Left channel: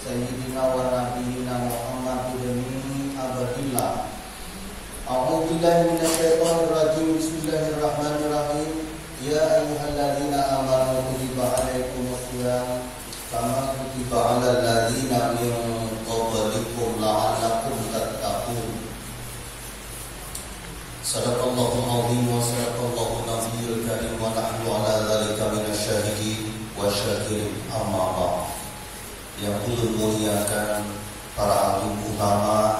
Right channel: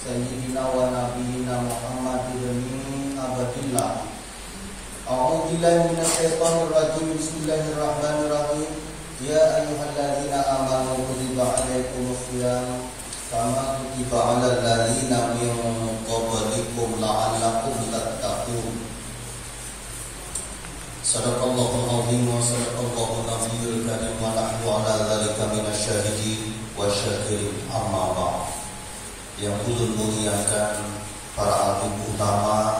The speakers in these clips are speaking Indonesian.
sayyidina wa nabiyina Muhammadin min abadillah. A'udzu billahi minasyaitonir rajim. Bismillahirrahmanirrahim. Ya ayyuhalladzina amanu kutiba 'alaikumus shiyam kama kutiba 'alal ladzina min qablikum la'allakum tattaqun. Sadaqallahul azim wa sadaqallahu nabiyyul karim wa nahnu 'ala dzalika minasyahidin wa syakirin. Amma ba'd. Yang ulul muliakan para alim utama,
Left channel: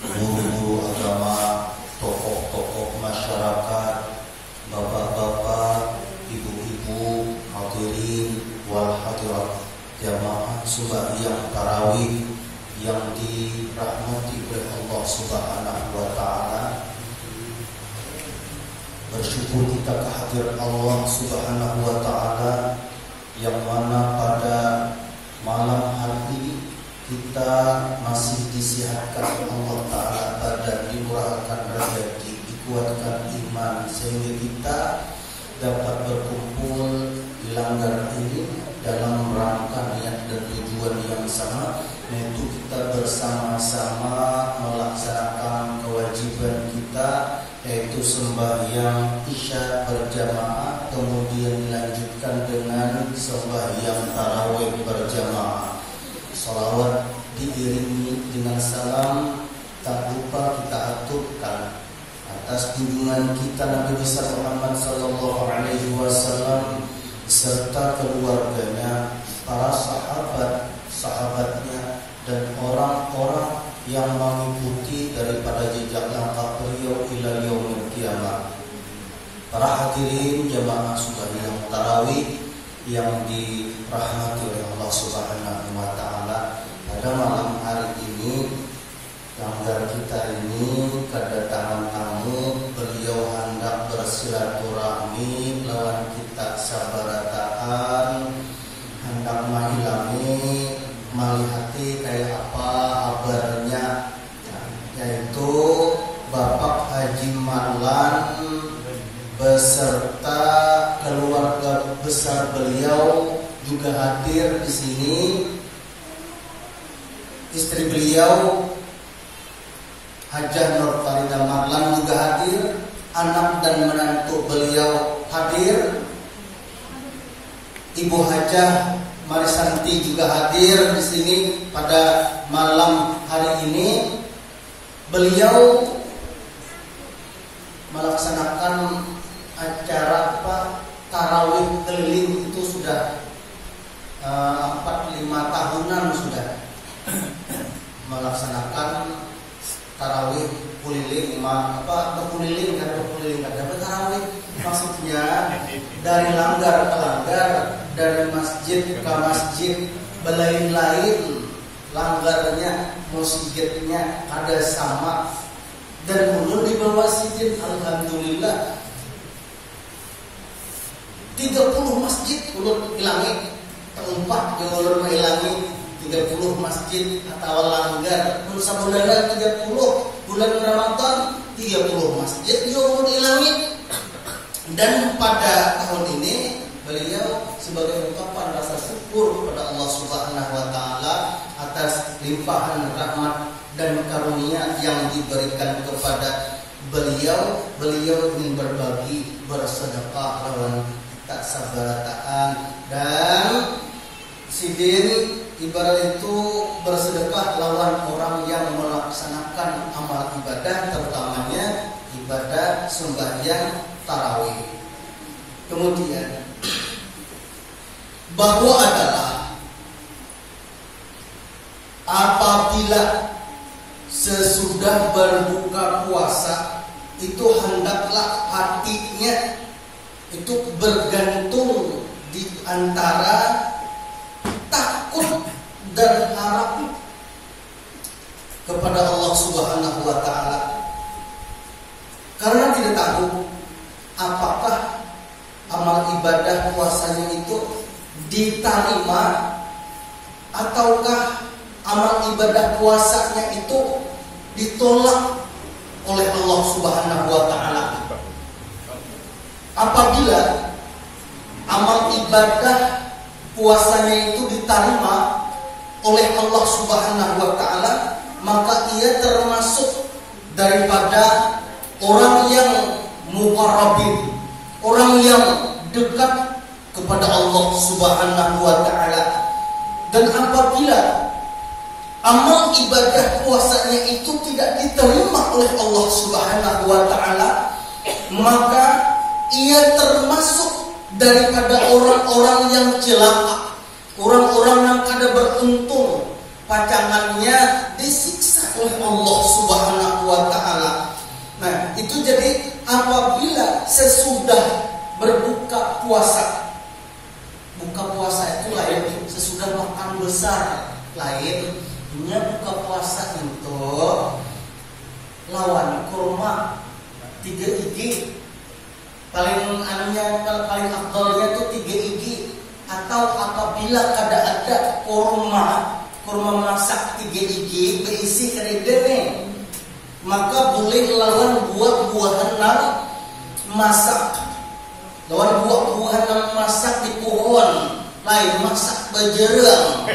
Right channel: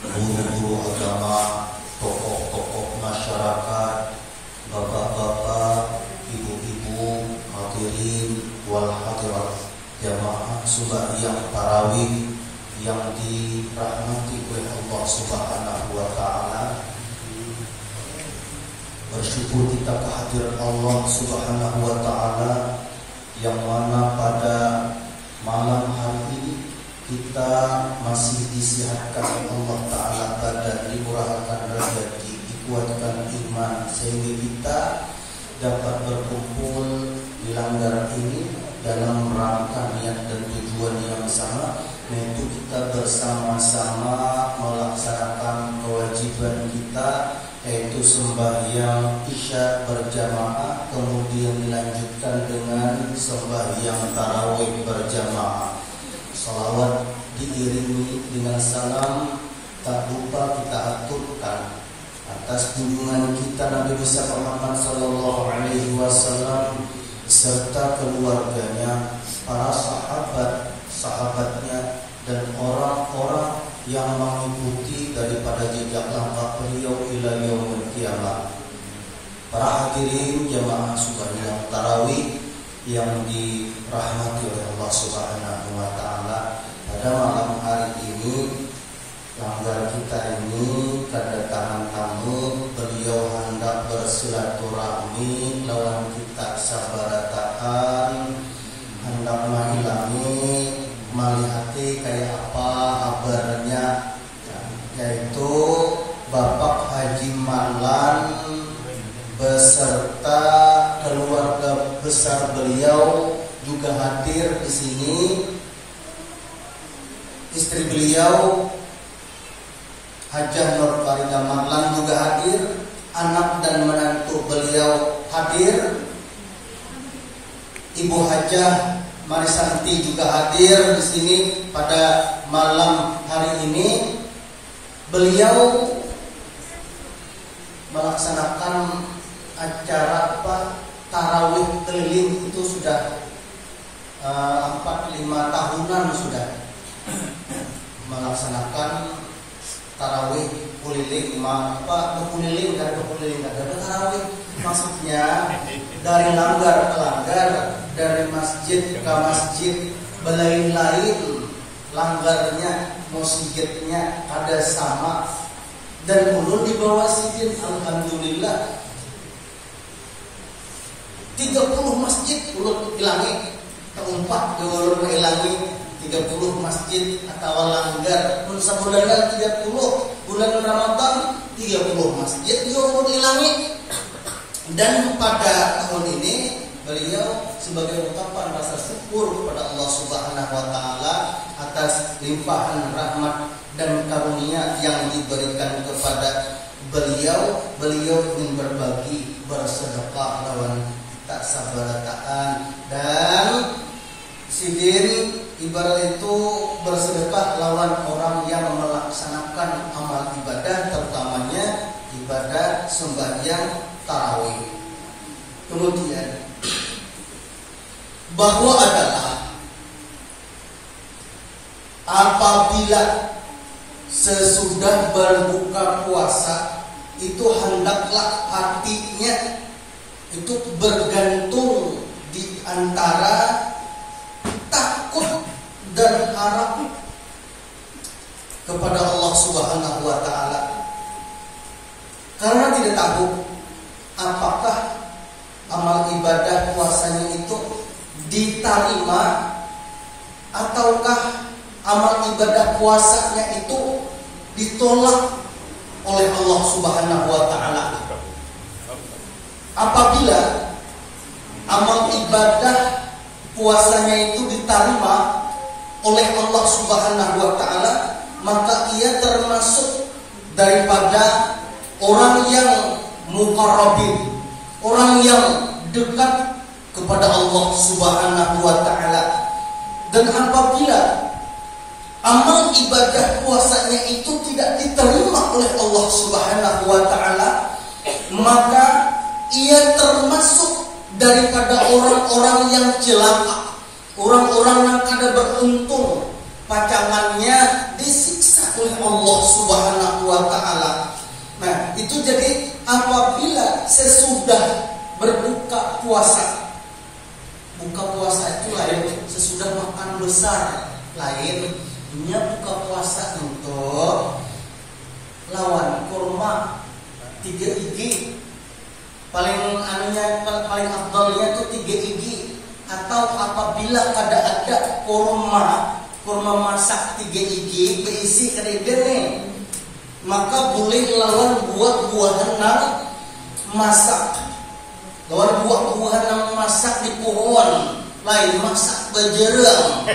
guru-guru agama, tokoh-tokoh masyarakat, bapak-bapak, ibu-ibu, hadirin wal hadirat, jamaah sembahyang tarawih yang dirahmati oleh Allah Subhanahu wa taala. Bersyukur kita kehadiran Allah Subhanahu wa taala yang mana pada malam hari ini kita masih disihatkan Allah taala badan, dimurahkan rezeki, dikuatkan iman sehingga kita dapat berkumpul di langgar ini dalam rangka niat dan tujuan yang sama, yaitu kita bersama-sama melaksanakan kewajiban kita, yaitu sembahyang isya berjamaah, kemudian dilanjutkan dengan sembahyang tarawih berjamaah. Salawat diiringi dengan salam, tak lupa kita aturkan atas junjungan kita Nabi besar Muhammad sallallahu alaihi wasallam serta keluarganya, para sahabatnya dan orang-orang yang mengikuti daripada jejak langkah beliau ila yaumil qiyamah. Para hadirin jamaah sembahyang tarawih yang dirahmati oleh Allah Subhanahu wa taala, pada malam hari ini langgar kita ini kedatangan tamu, beliau hendak bersilaturahmi lawan kita sabarataan, hendak menghilangi malihati kayak apa kabarnya, yaitu Bapak Haji Marlan beserta keluarga besar beliau juga hadir di sini. Istri beliau Hajah Nur Farida Marlan juga hadir, anak dan menantu beliau hadir, Ibu Hajah Marisanti juga hadir di sini pada malam hari ini. Beliau melaksanakan acara tarawih keliling itu sudah 4-5 tahunan sudah melaksanakan tarawih keliling, tarawih maksudnya dari langgar ke langgar, dari masjid ke masjid, belain-lain langgarnya, masjidnya ada sama, dan ulun di bawah sidin alhamdulillah 30 masjid ulun hilangi, keempat yang ulun menghilangi 30 masjid atau langgar. Bulan 30 bulan Ramadan 30 masjid yang ulun hilangi. Dan pada tahun ini beliau sebagai ungkapan rasa syukur kepada Allah Subhanahu wa taala atas limpahan rahmat dan karunia yang diberikan kepada beliau ingin berbagi, bersedekah lawan tak sabarataan, dan sidin ibarat itu bersedekah lawan orang yang melaksanakan amal ibadah, terutamanya ibadah sembahyang tarawih. Kemudian bahwa adalah apabila sesudah berbuka puasa itu hendaklah hatinya itu bergantung di antara takut dan harap kepada Allah Subhanahu wa taala. Karena tidak tahu apakah amal ibadah puasanya itu diterima ataukah amal ibadah puasanya itu ditolak oleh Allah Subhanahu wa taala. Apabila amal ibadah puasanya itu diterima oleh Allah Subhanahu wa taala, maka ia termasuk daripada orang yang muqarrabin, orang yang dekat kepada Allah Subhanahu wa taala. Dan apabila amal ibadah puasanya itu tidak diterima oleh Allah Subhanahu wa taala, maka ia termasuk daripada orang-orang yang celaka, orang-orang yang kada beruntung, pacangannya disiksa oleh Allah Subhanahu wa taala. Nah, itu jadi apabila sesudah berbuka puasa, buka puasa itu lain sesudah makan besar, lain ini buka puasa untuk lawan kurma 3 igi, paling paling afdalnya itu 3 igi. Atau apabila ada kurma masak 3 igi berisi keridene, maka boleh lawan buah-buahan yang masak, lawan buah-buahan yang masak di pohon, lain masak bajerang,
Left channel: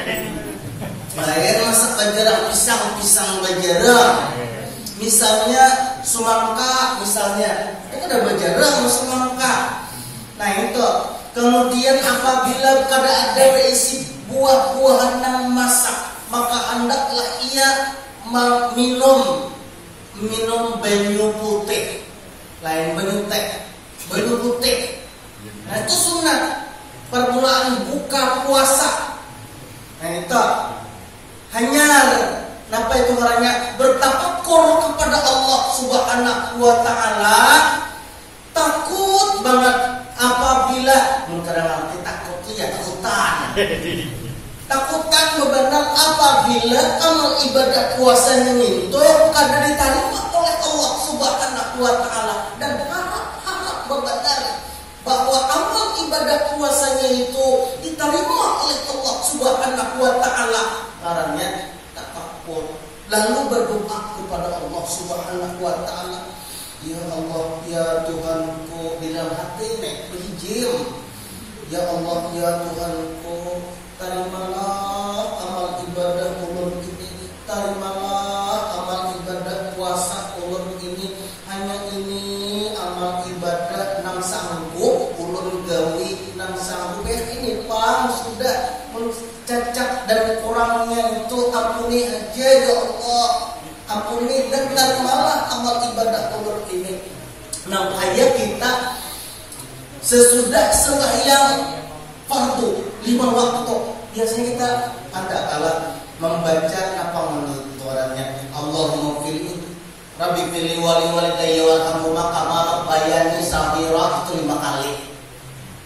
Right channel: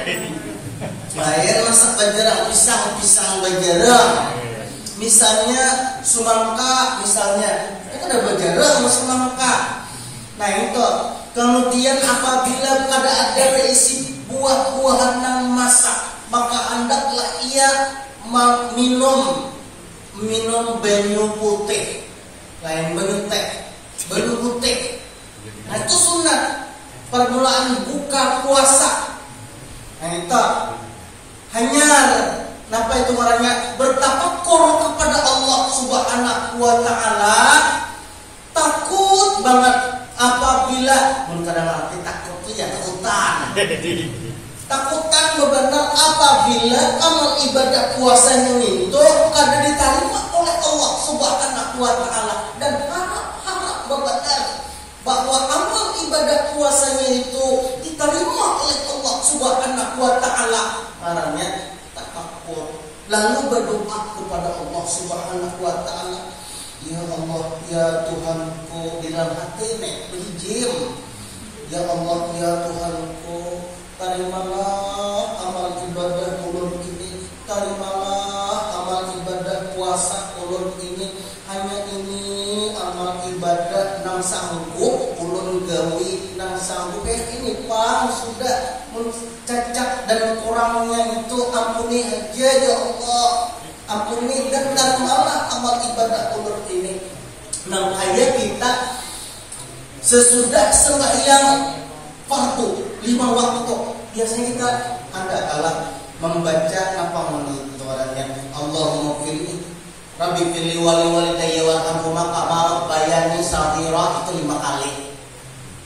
lain masak bajerang, pisang bajerang. Misalnya semangka, misalnya itu ada bajerang semangka. Nah itu. Kemudian apabila kada ada berisi buah-buahan yang masak, maka hendaklah ia minum banyu putih, lain banyu putih. Nah itu sunat permulaan buka puasa. Nah itu hanya apa itu namanya, bertafakur kepada Allah Subhanahu wa taala, takut banget. Apabila kadang kita takut itu ya takutan benar apabila amal ibadah puasanya itu kada diterima oleh Allah Subhanahu wa taala, dan harap benar bahwa amal ibadah puasanya itu diterima oleh Allah Subhanahu wa taala. Caranya tafakur, lalu berdoa kepada Allah Subhanahu wa taala. Ya Allah, ya Tuhanku, di dalam hati berijim. Ya Allah, ya Tuhanku, terimalah amal ibadah ulun ini, terimalah amal ibadah puasa ulun ini. Hanya ini amal ibadah nang sanggup ulun gawi, nang sanggup ini Pak sudah cacat dan kurangnya itu ampuni aja ya Allah. Ampuni dan terimalah amal ibadah ulun ini. Nah, kayak kita sesudah sembahyang fardu 5 waktu, biasanya kita ada kalah membaca apa menurut orangnya, Allahumma fili Rabbi fili wali walidayya warhamhuma kama rabbayani shaghira, itu 5 kali.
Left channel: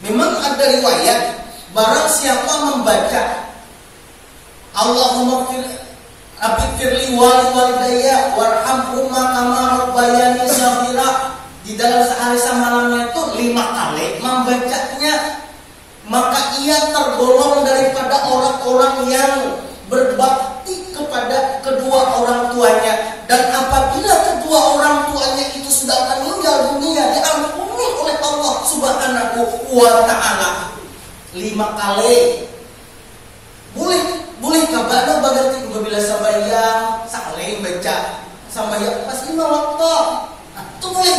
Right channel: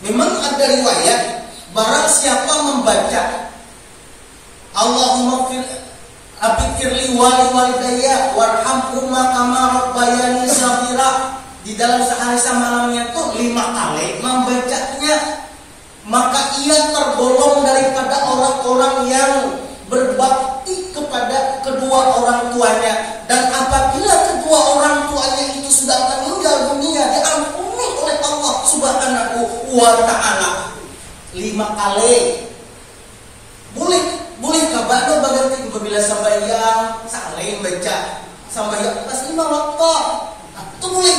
Memang ada riwayat barang siapa membaca Allahumma fili Rabbi firli wali walidayya warhamhuma kama rabbayani shaghira, di dalam sehari semalamnya itu 5 kali membacanya, maka ia tergolong daripada orang-orang yang berbakti kepada kedua orang tuanya. Dan apabila kedua orang tuanya itu sudah meninggal dunia, diampuni oleh Allah Subhanahu wa taala 5 kali. Boleh kabar baganti apabila sambayang saling baca sambayang pas 5 waktu. Itu boleh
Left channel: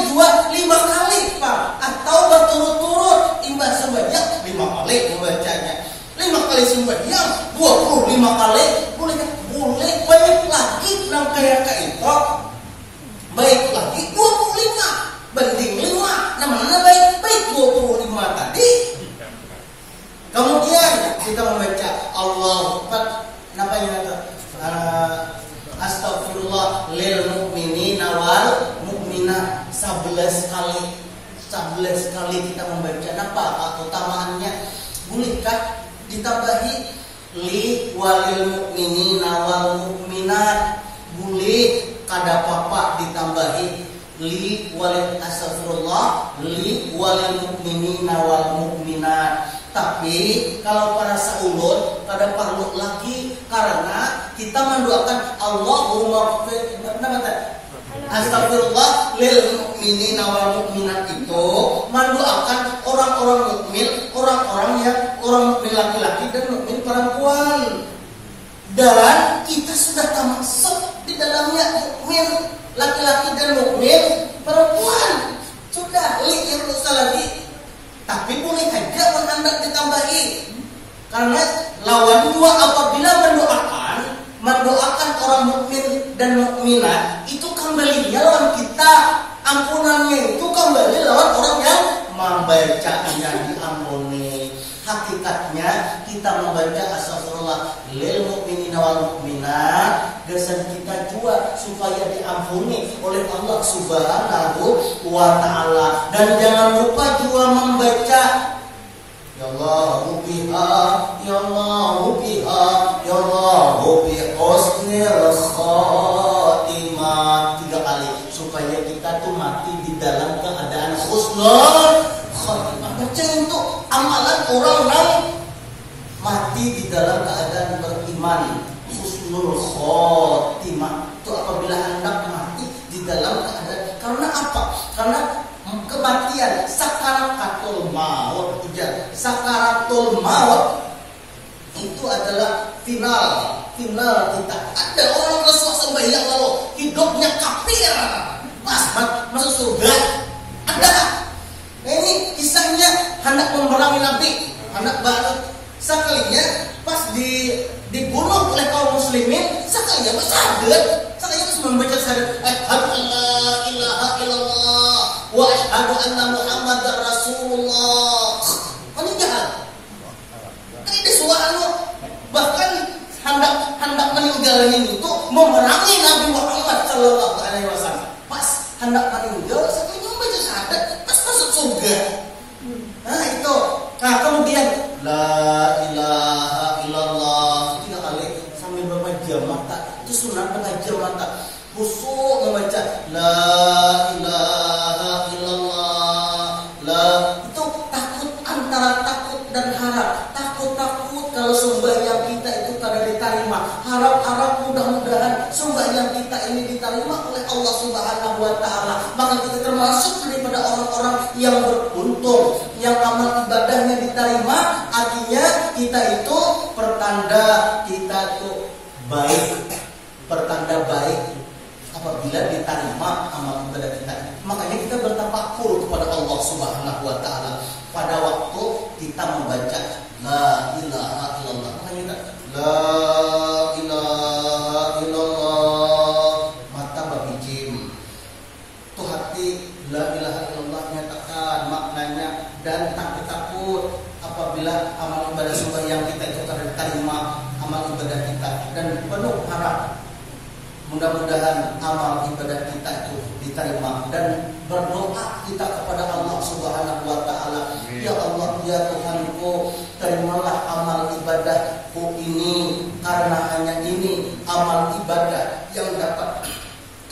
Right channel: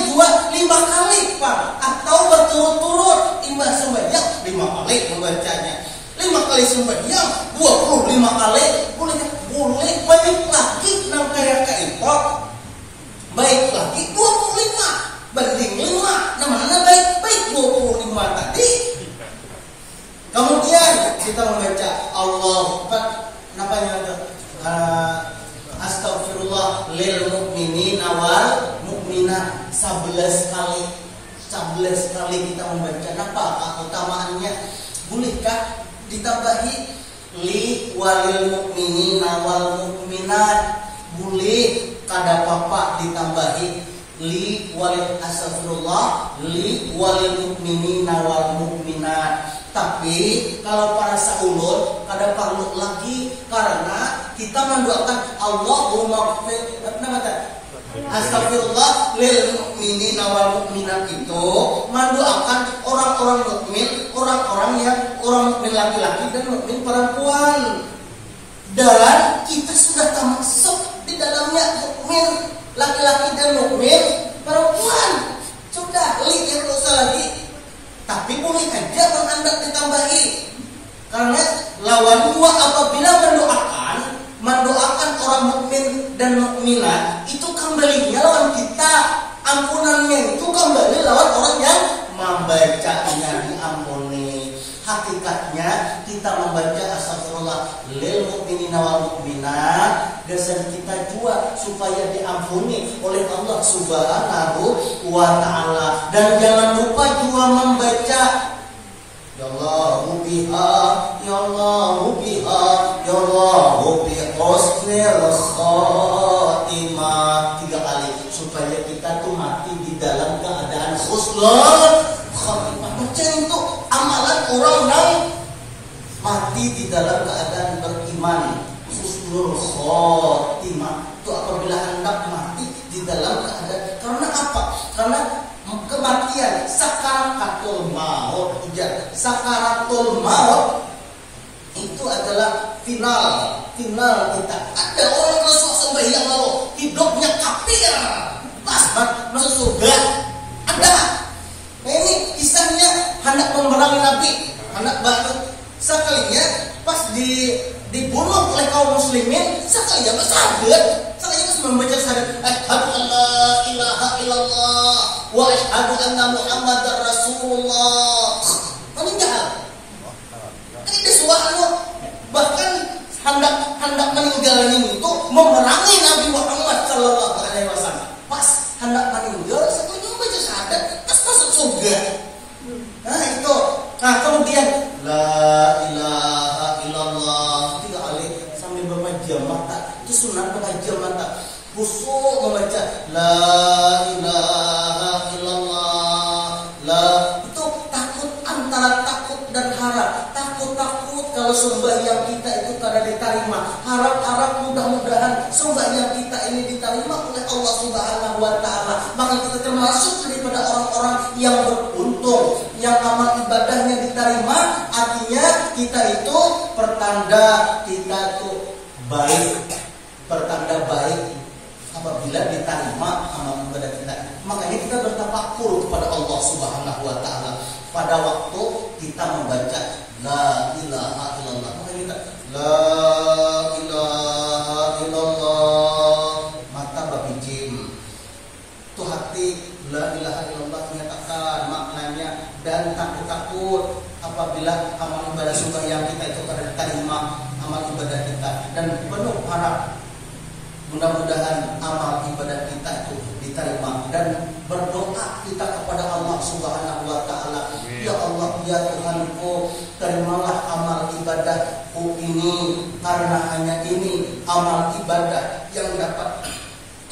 5 kali Pak, atau berturut-turut imbas sembahyang 5 kali membacanya, 5 kali sembahyang 25 kali boleh baik lagi nang kaya itu, baik lagi 25 banding 5, namanya baik 25 tadi. Kemudian kita membaca Allah Akbar, napanya itu astagfirullah lil mu'minina wal mu'minat 11 kali kita membaca. Apa keutamaannya? Bolehkah ditambahi li walil mu'minina wal mu'minat? Boleh, kada apa-apa ditambahi li walil astagfirullah li walil mu'minina wal mu'minat. Tapi kalau para saulun kada perlu lagi, karena kita mendoakan Allahumma astagfirullah lil mu'minina wal mu'minat, itu mendoakan orang-orang mukmin, orang-orang yang orang mukmin laki-laki dan mukmin perempuan. Dan kita sudah termasuk di dalamnya mukmin laki-laki dan mukmin perempuan. Sudah lihat usah lagi. Tapi boleh aja Anda ditambahi. Karena lawan dua apabila mendoakan orang mukmin dan mukminat itu kembalinya lawan kita. Ampunannya itu kembali lawan orang yang membacanya diampuni. Hakikatnya kita membaca astagfirullah lil mukminina wal mukminat dasar kita juga supaya diampuni oleh Allah Subhanahu wa taala. Dan jangan lupa juga membaca ya Allahu biha ya Allahu biha ya Allahu bi husnil khatimah 3 kali supaya kita tuh mati di dalam keadaan husnul khatimah. Baca itu amalan orang yang mati di dalam keadaan beriman. Husnul khotimah itu apabila hendak mati di dalam keadaan, karena apa? Karena kematian sakaratul maut, sakaratul maut itu adalah final kita. Ada orang Rasul sembahyang lalu hidupnya kafir, pas masuk surga. Ada. Nah, ini kisahnya hendak memerangi Nabi, hendak baru sekalinya pas dibunuh oleh kaum muslimin, sekalinya bersahadat, sekalinya membaca syahadat asyhadu an la ilaha illallah wa asyhadu anna muhammadar rasulullah. Meninggal. Ini suatu bahkan hendak meninggal ini itu memerangi Nabi Muhammad sallallahu alaihi wasallam. Pas hendak meninggal, sekalinya membaca syahadat, pas masuk surga. Nah itu. Nah kemudian la ilaha illallah 3 kali sambil memejam mata. Itu sunat memejam mata. Khusyuk membaca la ilaha illallah. Itu takut, antara takut dan harap. Takut kalau sembahyang kita itu kada diterima. Harap mudah-mudahan sembahyang kita ini diterima oleh Allah Subhanahu wa taala. Maka kita termasuk daripada orang-orang yang beruntung, yang amal ibadahnya diterima. Artinya kita itu pertanda kita itu baik. Pertanda baik apabila diterima amal ibadah kita. Makanya kita bertafakur kepada Allah Subhanahu wa taala pada waktu kita membaca la ilaha illallah. Makanya kita la ilaha illallah mata babijim. Tuh hati la ilaha illallah nyatakan maknanya dan takut apabila amal ibadah sembahyang kita itu diterima amal ibadah kita, dan penuh harap mudah-mudahan amal ibadah kita itu diterima, dan berdoa kita kepada Allah Subhanahu wa taala. Ya Allah, ya Tuhanku, terimalah amal ibadahku ini, karena hanya ini amal ibadah yang dapat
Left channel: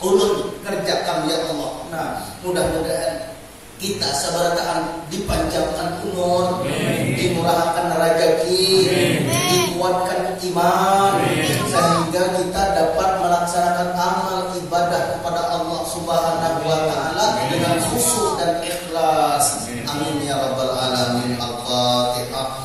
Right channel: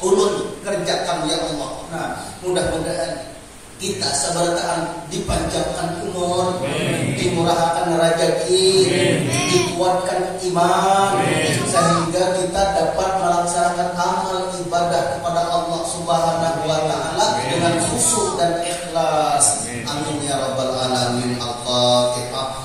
ulun kerjakan ya Allah. Nah, mudah-mudahan kita sabarataan dipanjangkan umur, dimurahkan rezeki, dikuatkan iman, sehingga kita dapat melaksanakan amal ibadah kepada Allah Subhanahu wa taala dengan khusyuk dan ikhlas. Amin ya rabbal alamin. Al-Fatihah.